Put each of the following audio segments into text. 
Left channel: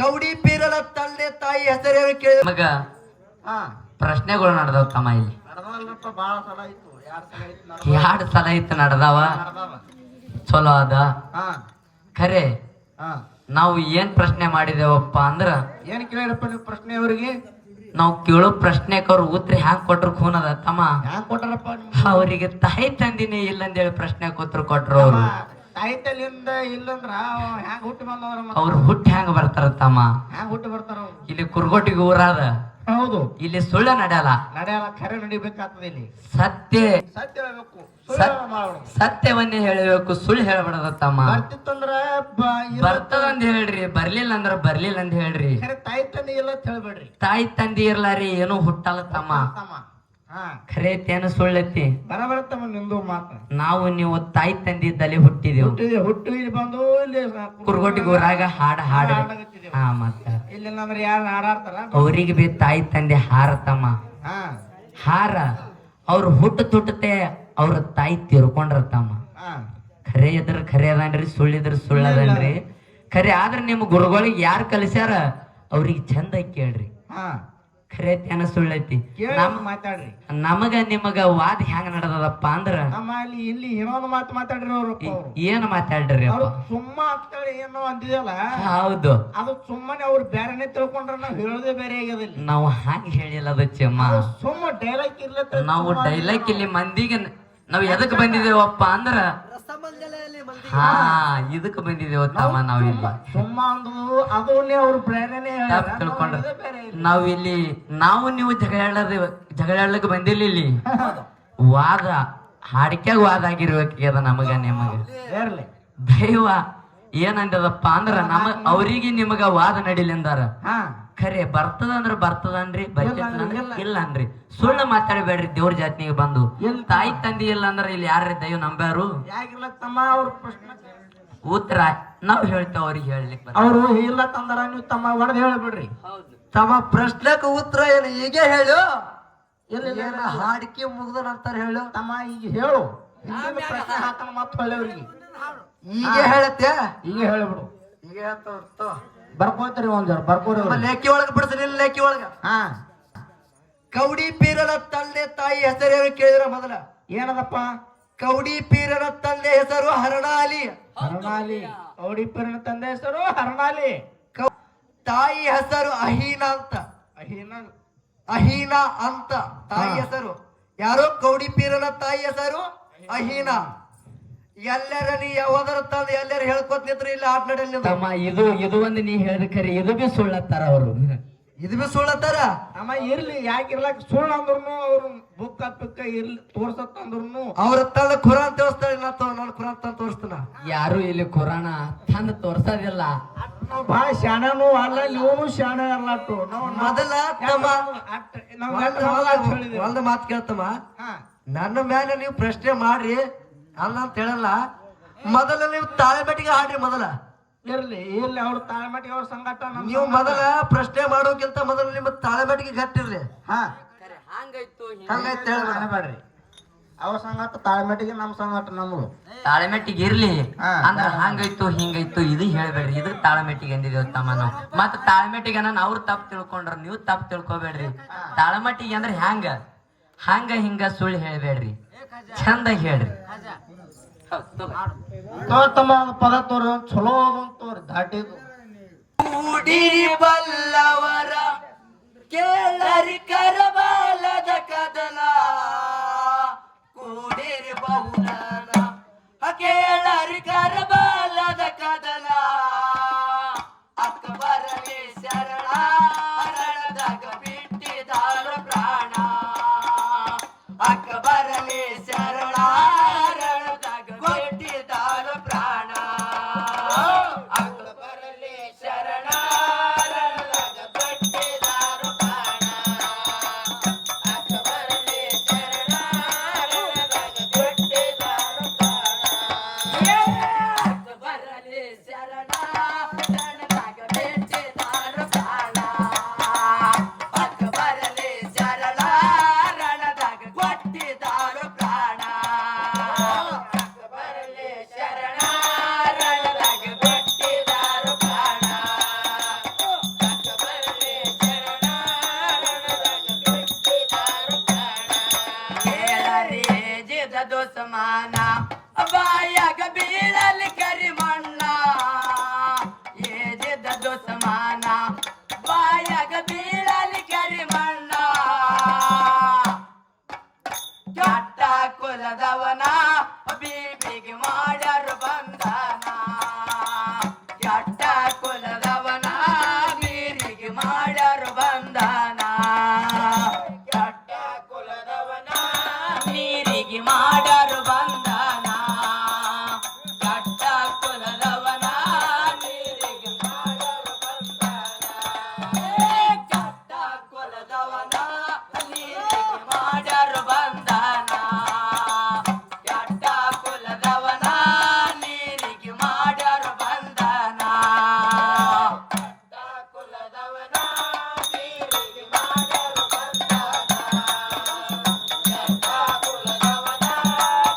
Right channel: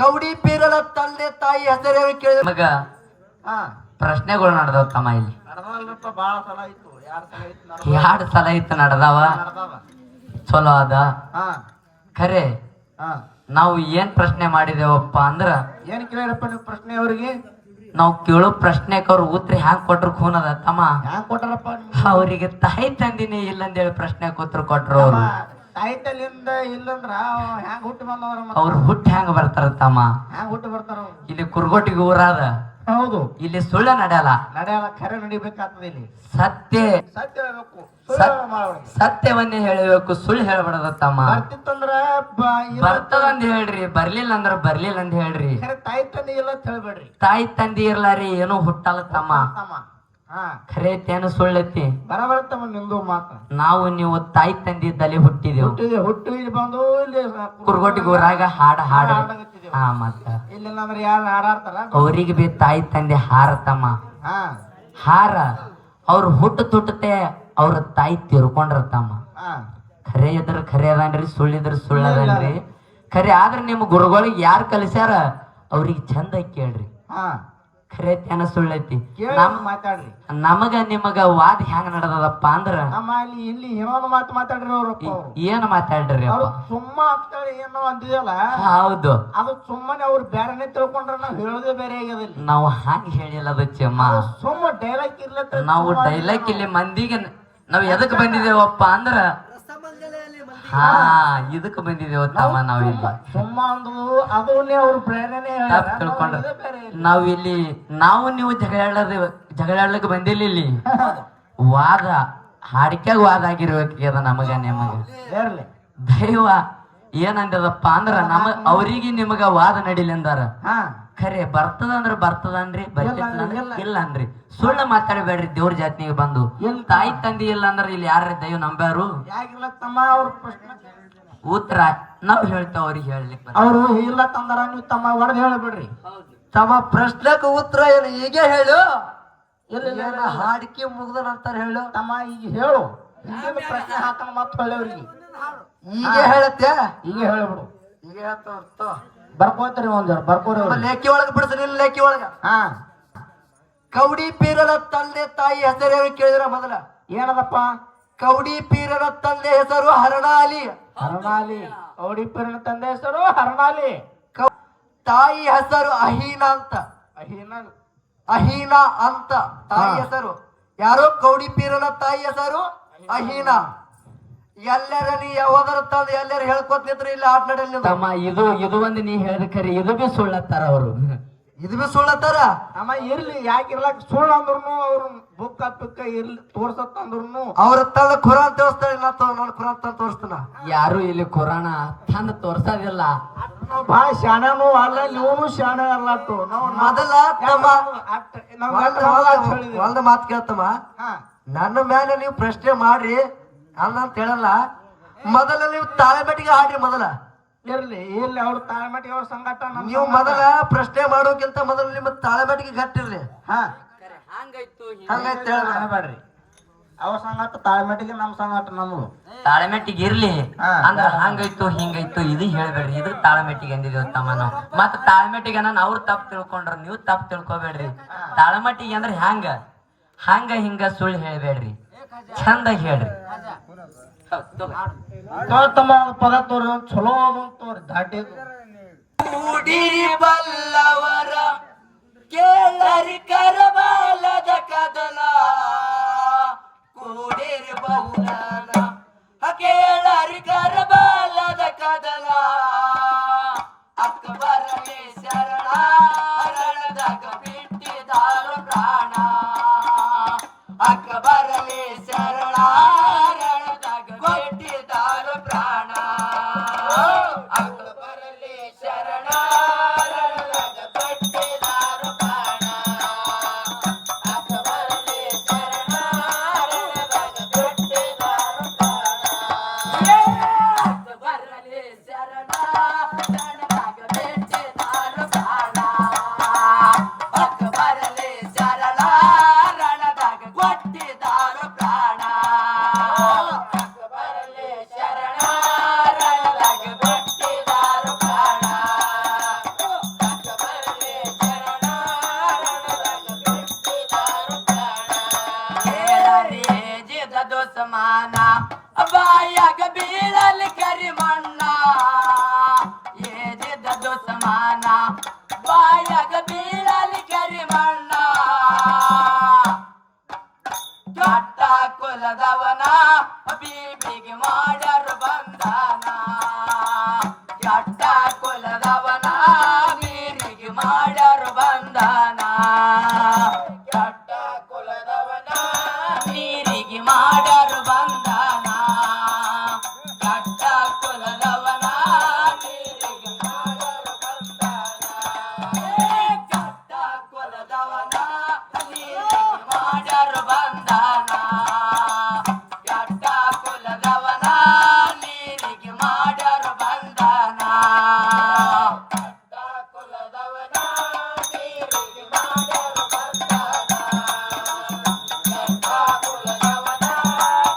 ಕೌಡಿ ಪೀರನ ತಂದೆ ತಾಯಿ ಹೆಸರು ಕೇಳಿದ ಮಗ ಪ್ರಶ್ನೆಗಳು ನಡೆದವ ತಮ್ಮ ಇಲ್ಲಿ ಎರಡು ಸಲ ಇತ್ತು ನಡೆದವ ಚಲೋ ಅದ ಖರೆ ನಾವು ಏನ್ ಪ್ರಶ್ನೆ ಮಾಡಿದೇವಪ್ಪ ಅಂದ್ರ ಏನ್ ಕೇಳಿರಪ್ಪ ನೀವು ಪ್ರಶ್ನೆ ಅವ್ರಿಗೆ ನಾವು ಕೇಳೋ ಪ್ರಶ್ನೆಕ್ ಅವ್ರ ಉತ್ತರ ಹ್ಯಾಂಗ್ ಕೊಟ್ರು ಖೂನದ ತಮ್ಮ ಹ್ಯಾಂಗ ಕೊಟ್ಟಾರಪ್ಪ ಅವ್ರಿಗೆ ತಾಯಿ ತಂದಿನಿ ಇಲ್ಲಂದೇಳಿ ಪ್ರಶ್ನೆ ಉತ್ತರ ಕೊಟ್ರು ಅವ್ರು ತಾಯಿ ತಲ್ಲಿಂದ ಇಲ್ಲಂದ್ರ ಹ್ಯಾಂಗ ಹುಟ್ಟಿ ಬಂದವ್ರ ಅವ್ರು ಹುಟ್ಟಿ ಹ್ಯಾಂಗ ಬರ್ತಾರ ತಮ್ಮ ಹ್ಯಾಂಗ ಹುಟ್ಟಿ ಬರ್ತಾರ ಇಲ್ಲಿ ಕುರ್ಗೋಟಿಗೆ ಊರಾದ ಹೌದು ಇಲ್ಲಿ ಸುಳ್ಳ ನಡೆಯಲ್ಲ ನಡೆಯಲ್ಲ ಖರೆ ನಡಿಬೇಕಾಗ್ತದೆ ಇಲ್ಲಿ ಸತ್ಯ ಸತ್ಯ ಹೇಳ್ಬೇಕು ಸತ್ಯವನ್ನೇ ಹೇಳಬೇಕು ಸುಳ್ಳು ಹೇಳ್ಬಾರ್ದ ತಮ್ಮ ಬರ್ತಿತ್ತಂದ್ರ ಬರ್ತದಂದ್ ಹೇಳ್ರಿ ಬರ್ಲಿಲ್ಲ ಅಂದ್ರ ಬರ್ಲಿಲ್ಲ ಅಂತ ಹೇಳ್ರಿ ತಾಯಿ ತಂದೆ ಇಲ್ಲ ಅಂತ ಹೇಳ್ಬೇಡ್ರಿ ತಾಯಿ ತಂದಿ ಇರ್ಲಾರಿ ಏನೋ ಹುಟ್ಟಲ್ಲ ತಮ್ಮ ಖರೆ ತೇನು ಸುಳ್ಳೈತಿ ಬರಬರ್ತಮ್ಮ ನಿಂದು ಮಾತ್ರ ನಾವು ನೀವು ತಾಯಿ ತಂದಿ ಇದ್ದಲ್ಲಿ ಹುಟ್ಟಿದೆವು ಹುಟ್ಟು ಇಲ್ಲಿ ಬಂದು ಇಲ್ಲಿ ಕುರ್ಗೋಟಿಗೆ ಊರಾಗ ಹಾಡ ಹಾ ಮತ್ತ ಇಲ್ಲಿ ಅಂದ್ರೆ ಯಾರು ಹಾಡಾಡ್ತಾರ ಅವ್ರಿಗೆ ಬಿ ತಾಯಿ ತಂದೆ ಹಾರ ತಮ್ಮ ಹಾರ ಅವ್ರ ಹುಟ್ಟು ತುಟ್ಟತೆ ಅವ್ರ ತಾಯಿ ತೀರ್ಕೊಂಡ್ರ ತಮ್ಮ ಖರೆ ಇದ್ರ ಖರೆ ಅದನ್ರಿ ಸುಳ್ಳಿದ್ರ ಸುಳ್ಳದನ್ರಿ ಖರೆ ಆದ್ರ ನಿಮ್ ಗುರುಗಳಿಗೆ ಯಾರು ಕಲಿಸ್ಯಾರ ಅವ್ರಿಗೆ ಚಂದ ಕೇಳ್ರಿ ಖರೆ ತೇನ ಸುಳ್ಳೈತಿ ಮಾತಾಡ್ರಿ ನಮಗ ನಿಮಗ ವಾದ ಹೆಂಗ ನಡೆದದಪ್ಪ ಅಂದ್ರ ಇಲ್ಲಿ ಏನೋ ಮಾತು ಮಾತಾಡ್ರಿ ಅವ್ರು ಏನ್ ಮಾತಾಡ್ರಿ ಸುಮ್ಮ ಅಂತೇಳಿ ಏನೋ ಅಂದಿದಲ್ಲ ಹೌದು ಅದು ಸುಮ್ಮನೆ ಅವ್ರು ಬೇರೆನೆ ತಿಳ್ಕೊಂಡ್ರ ನಾವ್ ಹೇಳೋದೇ ಬೇರೆ ಆಗ್ಯದಲ್ಲಿ ನಾವು ಹಂಗ ಹೇಳಿಲ್ಲ ಅದು ಚೆಮ್ಮ ಸುಮ್ಮ ಡೈಲಾಗ್ ಇರ್ಲತ್ತ ನಾವು ಡೈಲಾಗ್ ಇಲ್ಲಿ ಮಂದಿಗೆ ನಾವ್ ಎದಕ್ ಬಂದಿದ್ದೇವಪ್ಪ ಅಂದ್ರ ಹಾ ಇದಕ್ ಬಂದಿದ್ದೇವ ತಮ್ಮ ನಾವ್ ಇಲ್ಲಿ ಸುಮ್ಮ ಅಂದ್ರು ಅದನ್ನೇ ಅವ್ರು ಪ್ರೇರಣೆ ತಿಳ್ಕೊಂಡ್ರ ನಾವು ನೀವು ಜಗಳಾಡ್ಲಕ್ ಬಂದಿಲ್ಲ ಇಲ್ಲಿ ವಾದ ಹಾಡಿಕ್ಯಾಗ ವಾದ ಆಗಿರ್ಬೇಕದ ನಮಗ ನಿಮಗ ದೈವ ಏನಂದದಪ್ಪ ಅಂದ್ರ ಅವ್ರಿಗೆ ನಿಮಗ ವಾದ ನಡಿಲಿ ಅಂದಾರ ಖರೆ ಬರ್ತದಂದ್ರ ಬರ್ತದನ್ರಿ ಇಲ್ಲ ಅನ್ರಿ ಸುಳ್ಳು ಮಾತಾಡಬೇಡ್ರಿ ದೇವ್ರ ಜಾತಿಗೆ ಬಂದು ತಾಯಿ ತಂದಿ ಇಲ್ಲ ಅಂದ್ರ ಇಲ್ಲಿ ಯಾರ ದೈವ ನಂಬ್ಯಾರು ಉತ್ತರ ನಾವ್ ಹೇಳ್ತೇವ ಅವ್ರಿಗೆ ಹೇಳ್ಲಿಕ್ಕೆ ಅವ್ರು ಇಲ್ಲ ತಂದಾರ ನೀವು ತಮ್ಮ ಹೊಡೆದ್ ಹೇಳಬೇಡ್ರಿ ತಮ್ಮ ಪ್ರಶ್ನೆಕ್ ಉತ್ತರ ಏನು ಹೀಗೆ ಹೇಳು ಇಲ್ಲ ಹಾಡಿಕೆ ಮುಗ್ದ ನಂತರ ಹೇಳು ತಮ್ಮ ಈಗ ಹೇಳು ಪ್ರಶ್ನೆ ಹಾಕನ ಮತ್ತ ಹೊಳ್ಳೆವ್ರಿಗೆ ಈಗ ಹೇಳತ್ತೆ ಈಗ ಹೇಳ್ಬಿಡು ಈಗ ಹೇಳ್ತಾವ ಬರ್ಕೋತೀರಿ ಒಂದ್ ಜರ ಬರ್ಕೋರಿ ಲೇಖಿ ಒಳಗ ಬಿಡ್ತೀನಿ ಲೇಖಿ ಒಳಗ ಕೌಡಿ ಪೀರನ ತಂದೆ ತಾಯಿ ಹೆಸರು ಕೇಳಿದ್ರ ಮೊದಲ ಏನದಪ್ಪ ಕೌಡಿ ಪೀರನ ತಂದೆ ಹೆಸರು ಹರಣಾಲಿ ಕೌಡಿ ಪೀರನ ತಂದೆ ಹೆಸರು ಹರಣಾಲಿ ತಾಯಿ ಹೆಸರು ಅಹೀನಾ ಅಂತ ತಾಯಿ ಹೆಸರು ಯಾರು ಕೌಡಿ ಪೀರನ ತಾಯಿ ಹೆಸರು ಅಹೀನಾ ಎಲ್ಲರ ನೀ ಯಾವ್ದಾರ ತಂದು ಎಲ್ಲರೂ ಹೇಳ್ಕೊತಿದ್ರು ಇಲ್ಲಿ ಆಟ ನಡೆಯಲ್ಲ ತಮ್ಮ ಇದು ಒಂದು ನೀ ಹೇಳಿದ ಖರಿ ಇದು ಬಿ ಸುಳ್ಳತ್ತಾರ ಅವರು ಇದು ಬಿ ಸುಳ್ಳತ್ತಾರ ಅಮ್ಮ ಇರ್ಲಿ ಯಾಕಿರ್ಲಾಕ ಸುಳ್ಳು ಅಂದ್ರೂ ಅವ್ರ ಬುಕ್ಕ ಪಿಕ್ಕ ಇರ್ಲಿ ತೋರ್ಸತ್ ಅಂದ್ರು ಅವ್ರ ತಂದ ಖುರಾನ್ ತೋರಿಸ್ತಾರೆ ನಾನು ಖುರಾನ್ ತಂದು ತೋರಿಸ್ತಾನ ಯಾರು ಇಲ್ಲಿ ಖುರಾನ ತಂದು ತೋರ್ಸೋದಿಲ್ಲ ನಾವು ಬಹಳ ಶಾಣನು ಅಲ್ಲ ನೀವು ಶಾಣ ಅಲ್ಲಟ್ಟು ಮೊದಲ ಒಂದು ಮಾತು ಕೇಳ್ತಮ್ಮ ನನ್ನ ಮೇಲೆ ನೀವು ಪ್ರಶ್ನೆ ಮಾಡ್ರಿ ಅಲ್ಲ ಅಂತ ಹೇಳಲ್ಲ ಮೊದಲ ನೀವು ತಾಳೆಮೆಟ್ಟಿಗೆ ಹಾಡ್ರಿ ಮೊದಲ ಇರ್ಲಿ ಇಲ್ಲಿ ಅವ್ರ ತಾಳೆಮೆಟ್ಟಿಗೆ ಅವ್ರ ಸಂಗಾಟ ನೀವು ಮೊದಲ ಪ್ರಶ್ನೆ ಮಾಡೋಕ್ಕಿಂತ ಮೊದಲು ನಿಮ್ಮ ತಾಳೆಮೆಟ್ಟಿಗೆ ಗಟ್ಟಿರ್ರಿ ಹಂಗಾಯ್ತು ಹೇಳ್ಬೇಡ್ರಿ ಅವ್ರ ಸಂಗಾಟ ತಾಳೆಮೆಟ್ಟಿಗೆ ನಮ್ ಸಂಗಾಟ ನಮ್ದು ತಾಳೆಮೆಟ್ಟಿಗೆ ಇರ್ಲಿ ಅಂದ್ರ ಹಂಗಾಯ್ತು ಹಿಂಗಾಯ್ತು ಇದು ಹೇಳ್ಬೇಡ್ರಿ ಇದು ತಾಳೆಮೆಟ್ಟಿಗೆ ಅಂದಿದೇವ್ ತಮ್ಮ ನಾವು ಮತ್ತ ತಾಳೆಮೆಟ್ಟಿಗೆ ನಾನು ಅವ್ರು ತಪ್ಪು ತಿಳ್ಕೊಂಡ್ರ ನೀವು ತಪ್ಪು ತಿಳ್ಕೊಬೇಡ್ರಿ ತಾಳೆಮೆಟ್ಟಿಗೆ ಅಂದ್ರೆ ಹಂಗ ಹಿಂಗ ಸುಳ್ಳು ಹೇಳ್ಬೇಡ್ರಿ ಚಂದಾಗಿ ಹೇಳ್ರಿ ತಮ್ಮ ಪದ ತೋರ ಚಲೋ ತೋರಿ ದಾಟಿ ಕೂಡಿರಿ ಬಲ್ಲವರ ಕೇಳರಿ ಕರಬಾಲದ ಕದನ ಕೂಡಿರಿ ಬಲ್ಲನ ಕೇಳರಿ ಕರಬಾಲದ ಕದನ ಅಕ್ಬರನೇ ಶರಣ ರಣದಾಗ ಬಿಟ್ಟಿದಾರ ಪ್ರಾಣ ಅಕ್ಬರನೇ ಶರಣ ದುಸ್ಮಾನ ಬಾಯಾಗ ಬೀಳಲಿ ಕರಿಮಣ್ಣ ಕೆಟ್ಟ ಕುಲದವನ ಬೀಬಿಗೆ ಮಾಡ್ಯಾರು ಬಂಧನ ಕೆಟ್ಟ ಕುಲದವನ ನೀರಿಗೆ ಮಾಡ್ಯಾರು ಬಂಧನ ಕೆಟ್ಟ ಕುಲದವನ ನೀರಿಗೆ ಮಾಡ್ಯಾರು ಬಂಧನ ಕೆಟ್ಟ ಕುಲದವನ ನೀರಿಗೆ ಮಾಡ್ಯಾರು ಬಂಧನ ಕೆಟ್ಟ ಕುಲದವನ ನೀರಿಗೆ ಮಾಡ್ಯಾರು ಬಂಧನ ಕೆಟ್ಟ ಕುಲದವನ ನೀರಿಗೆ ಮಾಡ್ಯಾರು ಬಂಧನ ಕೆಟ್ಟ ಕುಲದವನ ನೀರಿಗೆ ಮಾಡ್ಯಾರು ಬಂಧನ ಕೆಟ್ಟ ಕುಲದವನ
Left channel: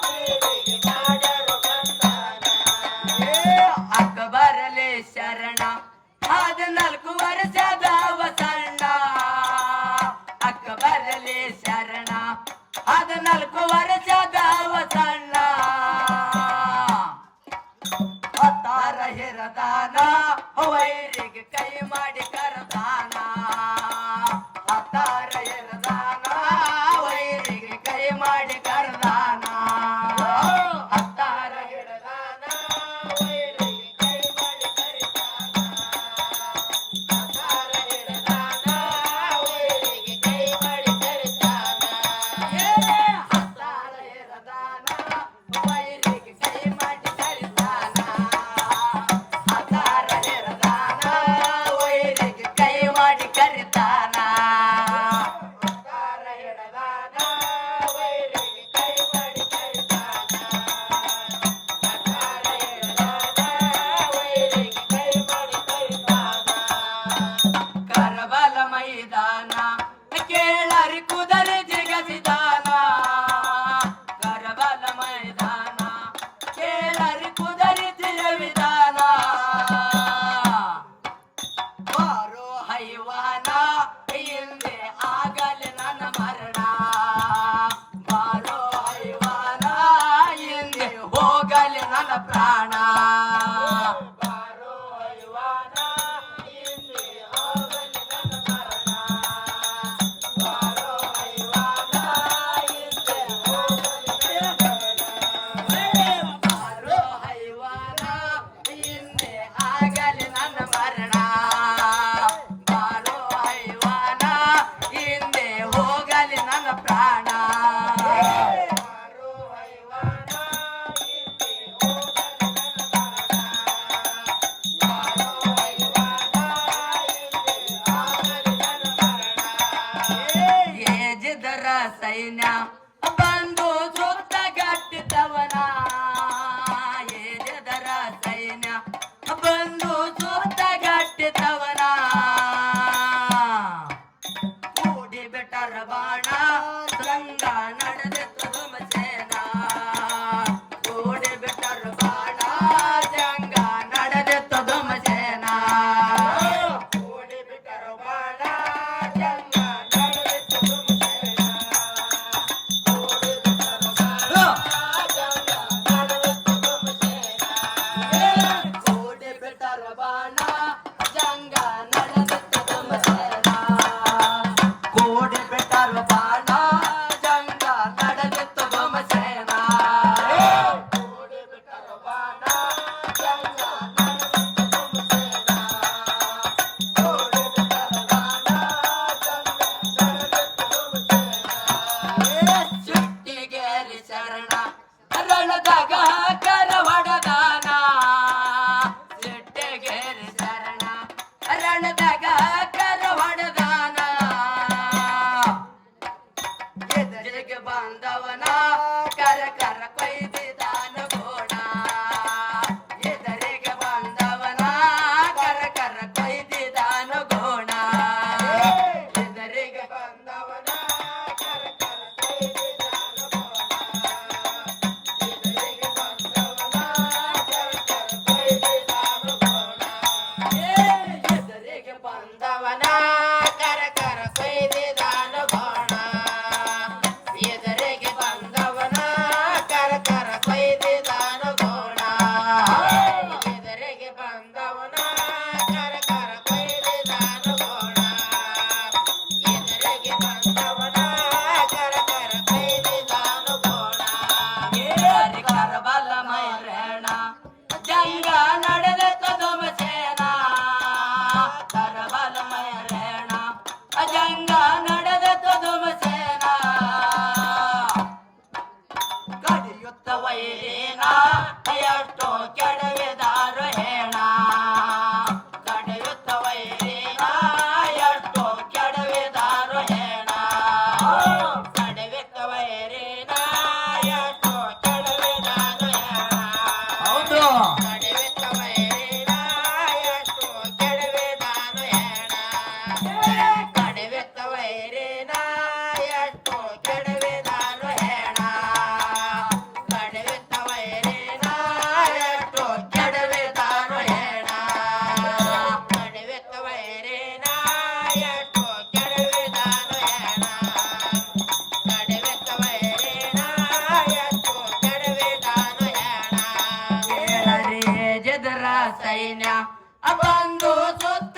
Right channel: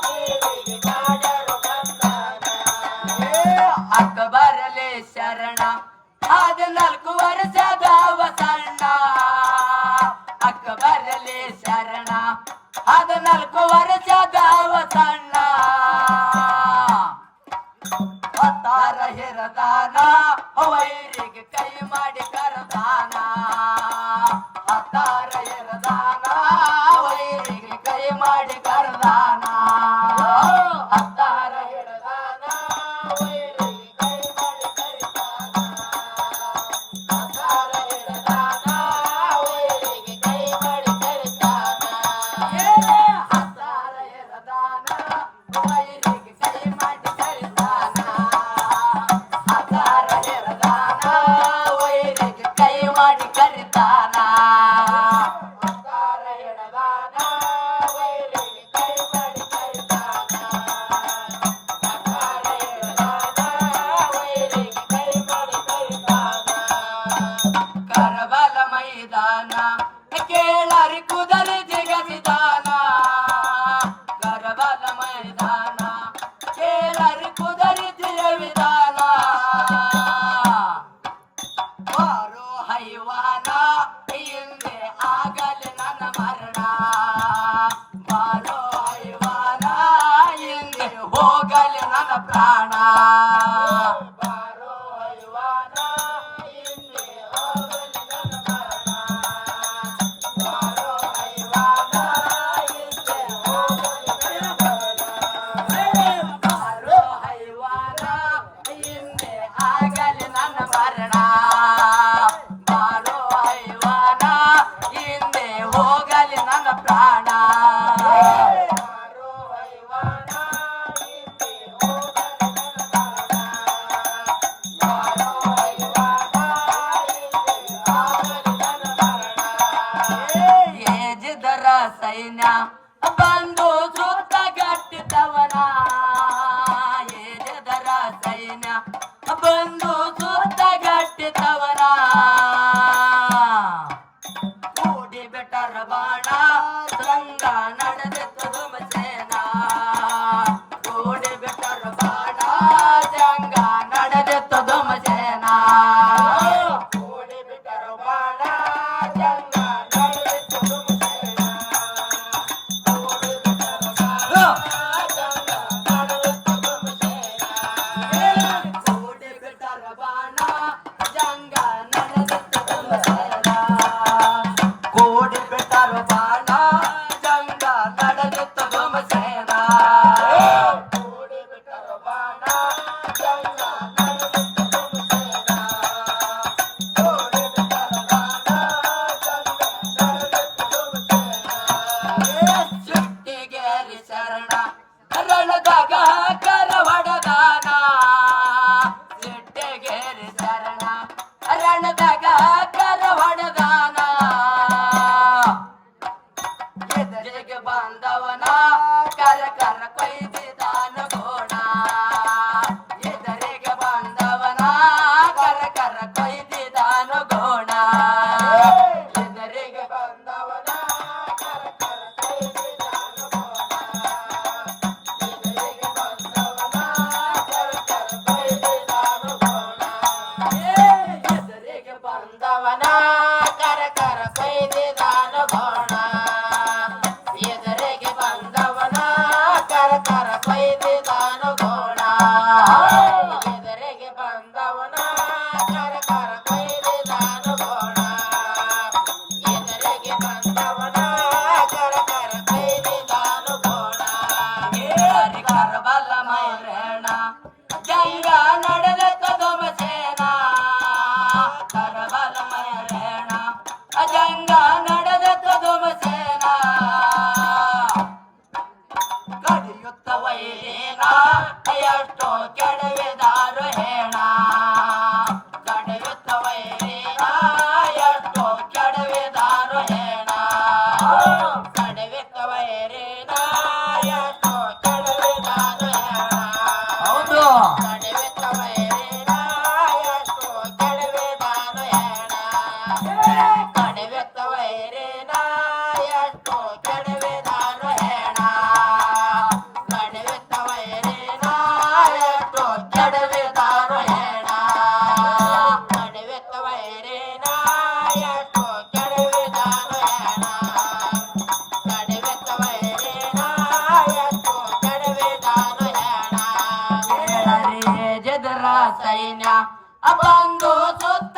ನೀರಿಗೆ ಮಾಡ್ಯಾರು ಬಂಧನ ಅಕ್ಕ ಬರಲಿ ಶರಣ 14 ವರ್ಷದವ ಸಣ್ಣ ಅಕ್ಕ ಬರಲಿ ಶರಣ 14 ವರ್ಷದವ ಸಣ್ಣ ಅವತಾರ ಹಿರದಾನ ವೈರಿಗೆ ಕೈ ಮಾಡಿ ಕರದಾನ ಅವತಾರ ಹಿರದಾನ ವೈರಿಗೆ ಕೈ ಮಾಡಿ ಕರದಾನ ಅವತಾರ ಹಿರದಾನ ವೈರಿಗೆ ಕೈ ಮಾಡಿ ಕರಿದಾನ ಅವತಾರ ಹಿರದಾನ ವೈರಿಗೆ ಕೈ ಮಾಡಿ ಕರಿದಾನ ಅವತಾರ ಹಿರದಾನ ವೈರಿಗೆ ಕೈ ಮಾಡಿ ಕರಿದಾನ ಅವತಾರ ಹಿರದಾನ ವೈರಿಗೆ ಕೈ ಮಾಡಿ ಕರಿದಾನ ಅವತಾರ ಹಿರದಾನ ವೈರಿಗೆ ಕೈ ಮಾಡಿ ಕರಿದಾನ ಅವತಾರ ಹಿರದಾನ ವೈರಿಗೆ ಕೈ ಮಾಡಿ ಕರಿದಾನ ಕರಬಲ ಮೈದಾನ ಕೇಳರಿ ಕುದರೆ ಜಗಸಿದಾನ ಕರಬಲ ಮೈದಾನ ಕೇಳರಿ ಕುದರೆ ಜಗವಿದಾನ ಬಾರೋ ಹೈವಾನ ಹಿಂದೆ ಆಗಲಿ ನನ್ನ ಮರಣ ಬಾರೋ ಹೈವಾನ ಹಿಂದೆ ಹೋಗಲಿ ನನ್ನ ಪ್ರಾಣ ಬಾರೋ ಹೈವಾನ ಹಿಂದೆ ಹೋಗಲಿ ನನ್ನ ಮರಣ ಬಾರೋ ಹೈವಾನ ಹಿಂದೆ ಹೋಗಲಿ ನನ್ನ ಮರಣ ಬಾರೋ ಹೈವಾನ ಹಿಂದೆ ಆಗಲಿ ನನ್ನ ಮರಣ ಬಾರೋ ಹೈವಾನ ಹಿಂದೆ ಹೋಗಲಿ ನನ್ನ ಪ್ರಾಣ ಬಾರೋ ಹೈವಾನ ಹಿಂದೆ ಹೋಗಲಿ ನನ್ನ ಪ್ರಾಣ ಬಾರೋ ಹೈವಾನ ಹಿಂದೆ ಹೋಗಲಿ ನನ್ನ ಮರಣ ಏಜಿದರ ಸೈನ್ಯ ಬಂದು ಸೂತ ಗಟ್ಟಿದವನ ಏಜಿದರ ಸೈನ್ಯ ಬಂದು ಸೂತ ಗಟ್ಟಿದವನ ಕೂಡಿ ಬೆಟ್ಟರ ಬಾಣ ರಂಗ ನಡೆದಿತ್ತು ಧುಮಸೇನ ಕೂಡಿ ಬೆಟ್ಟರ ಬಾಣ ಜಂಗ ನಡೆದಿತ್ತು ಧುಮಸೇನ ಕೂಡಿ ಬೆಟ್ಟರ ಬಾಣ ಜಂಗ ನಡೆದಿತ್ತು ಧುಮಸೇನ ಕೂಡಿ ಬೆಟ್ಟರ ಬಾಣ ಜಂಗ ನಡೆದಿತ್ತು ಧುಮಸೇನ ಕೂಡಿ ಬೆಟ್ಟರ ಬಾಣ ಜಂಗ ನಡೆದಿತ್ತು ಧುಮಸೇನ ಕೂಡಿ ಬೆಟ್ಟರ ಬಾಣ ಜಂಗ ನಡೆದಿತ್ತು ಧುಮಸೇನ ಕೂಡಿ ಬೆಟ್ಟರ ಬಾಣ ಜಂಗ ನಡೆದಿತ್ತು ಧುಮಸೇನ ಕೂಡಿ ಬೆಟ್ಟರ ಬಾಣ ಜಂಗ ನಡೆದಿತ್ತು ಧುಮಸೇನ ಚುಟ್ಟಿಗೇರಿ ಶರಣ ರಣದಾಗ ಕರವಡದಾನ ಚುಟ್ಟಿಗೇರಿ ಶರಣ ರಣದಾಗ ಕರವಡದಾನ ಎದುರಿಗೆ ಬಂದವನ ಕರ ಕರ ಕೊಯ್ದಿದಾನ ಗೋಣ ಎದುರಿಗೆ ಬಂದವನ ಕರ ಕರ ಕೊಯ್ದಿದಾನ ಗೋಣ ಎದುರಿಗೆ ಬಂದವನ ಕರ ಕರ ಕೊಯ್ದಿದಾನ ಗೋಣ ಎದುರಿಗೆ ಬಂದವನ ಕರ ಕರ ಕೊಯ್ದಿದಾನ ಗೋಣ ಎದುರಿಗೆ ಬಂದವನ ಕರ ಕರ ಕೊಯ್ದಿದಾನ ಗೋಣ ಎದುರಿಗೆ ಬಂದವನ ಕರ ಕರ ಕೊಯ್ದಿದಾನ ಗೋಣ ಎದುರಿಗೆ ಬಂದವನ ಕರ ತರಬಲಮಯ ರೇಣ ಅಜಂಗ ನಡೆದ ಧ್ವಂಸೇನ ಕಡಿಯುತ್ತ ವೈರಿನ ಎಷ್ಟೋ ಕೆಡವಿದಾರು ಹೇಣ ಕಡಿಯುತ್ತ ವೈರಿನ ಎಷ್ಟೋ ಕೆಡವಿದಾರು ಹೇಣ ಕಡಿಯುತ್ತ ವೈರಿನ ಎಷ್ಟೋ ಕೆಡವಿದಾರು ಹೇಣ ಹೌದು ಕಡಿಯುತ್ತ ವೈರಿನ ಎಷ್ಟೋ ಕೆಡವಿದಾರು ಹೇಣ ಕಡಿಯುತ್ತ ವೈರಿನ ಎಷ್ಟೋ ಕೆಡವಿದಾರು ಹೇಣ ಕಡಿಯುತ್ತ ವೈರಿನ ಎಷ್ಟೋ ಕೆಡವಿದಾರು ಹೇಣ ಕಡಿಯುತ್ತ ವೈರಿನ ಎಷ್ಟೋ ಕೆಡವಿದಾರು ಹೇಣ ಕಡಿಯುತ್ತ ವೈರಿನ ಎಷ್ಟೋ ಕೆಡವಿದಾರು ಹೇಣ ಕೇಳರಿ ಜದರ ಸೈನ್ಯ ಬಂದು ಸುತ್ತ